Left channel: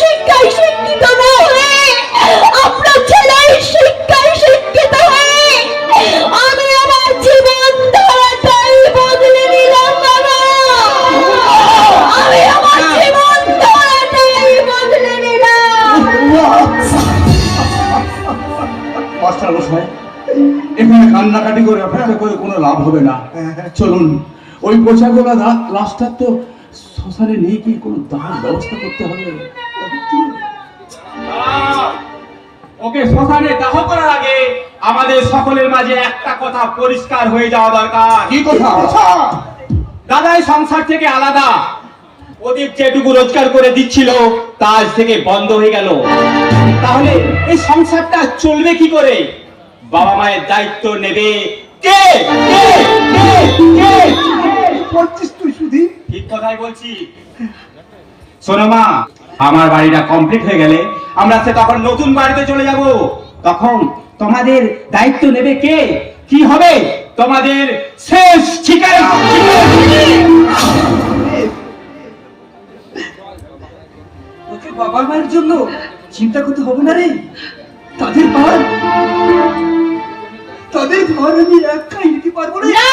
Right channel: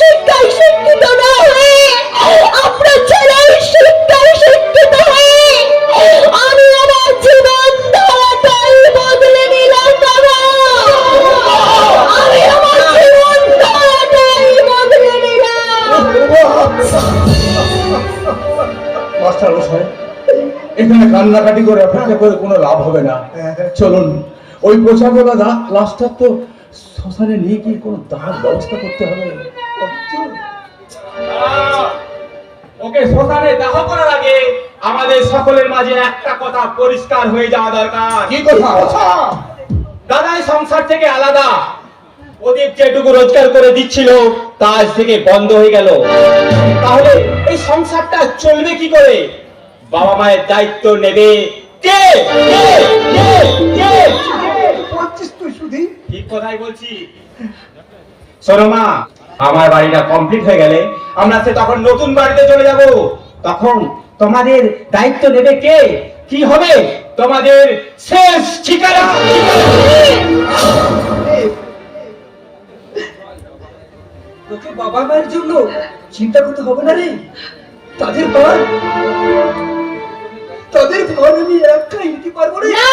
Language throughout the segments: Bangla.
শিক্ষায় শিক্ষিত না হয়ে, আপনার ছেলের শিক্ষায় শিক্ষিত হয়ে আমি আমার জীবন ধারাটাই বদলে নিলাম বাবা। আমি আমার জীবন ধারাটাই বদলে নিলাম। মাস্টার মশাই, এখানে কান্নাকাটি করে অপেক্ষা করে কোনো লাভ হবে না। চলুন, ওই পচাগোলা লাশটার তো শ্মশানে নিয়ে গিয়ে কোনো দাহ ব্যবস্থা করতে হবে। ওকে শ্মশানে দাহ করার আগে আমাদের সকলের মাঝে একটা কথা পরিষ্কার হয়ে যাওয়া দরকার। কি কথা? দাদাই সংসার থেকে আলাদা। প্রদীপ যেটুকু রোজগার করে দিচ্ছিল তা আজ থেকে বন্ধ হয়ে গেল। তাহলে এই সংসারটা চলবে কি করে? বাবা মায়ের দায়িত্ব নেবে কে? কে কে কে বলছিস তুই শুধু? ঠিক কথাই বলছি। শোনো মা, আমার বাড়িটা কমপ্লিট হয়ে গেলে আমরা সে তখন নতুন বাড়িতে চলে যাব। তখন তোমাদের দায়িত্ব নেবে কে? কি হবে তোমাদের শেষ ঠিকানা? তোকে বাবা মায়ের জন্য চিন্তা করতে হবে না রে। তাদের ভার আমি একাই নিতে পারবো না। না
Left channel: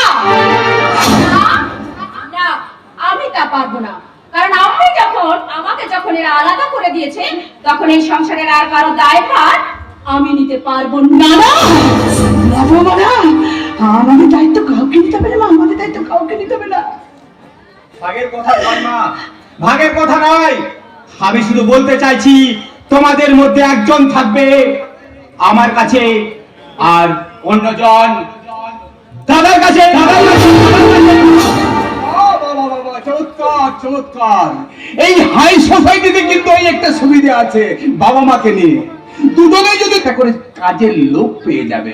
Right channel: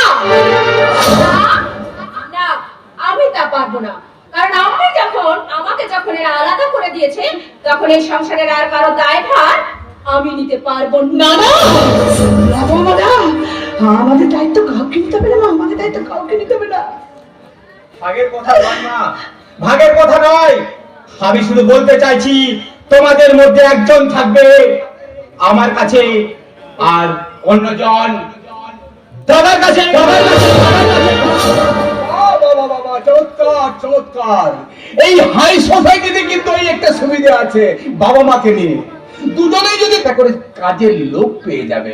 না, আমি তা পারবো না। কারণ আমাকে যখন এরা আলাদা করে দিয়েছে, তখন এই সংসারের আর কারো দায়ভার আমি নিতে পারবো না। আমাদের দায়িত্ব কাউকে নিতে হবে না, আমাদের দায়িত্ব কাউকে নিতে হবে না। ভাগের কথা নয় মা, ভাগের কথা নয়। আমি শুধু বলতে চাইছি তোমাদের মধ্যে একজন থাকবে আমার কাছে, আর অন্যজন দাদার কাছে। চমৎকার চমৎকার। এই হাই সোসাইটিতে কিন্তু এই একটা সুবিধা আছে, বাবা মাকে নিয়ে দুজনেই যদি তা করে কাজের লোক পেয়ে যাবে।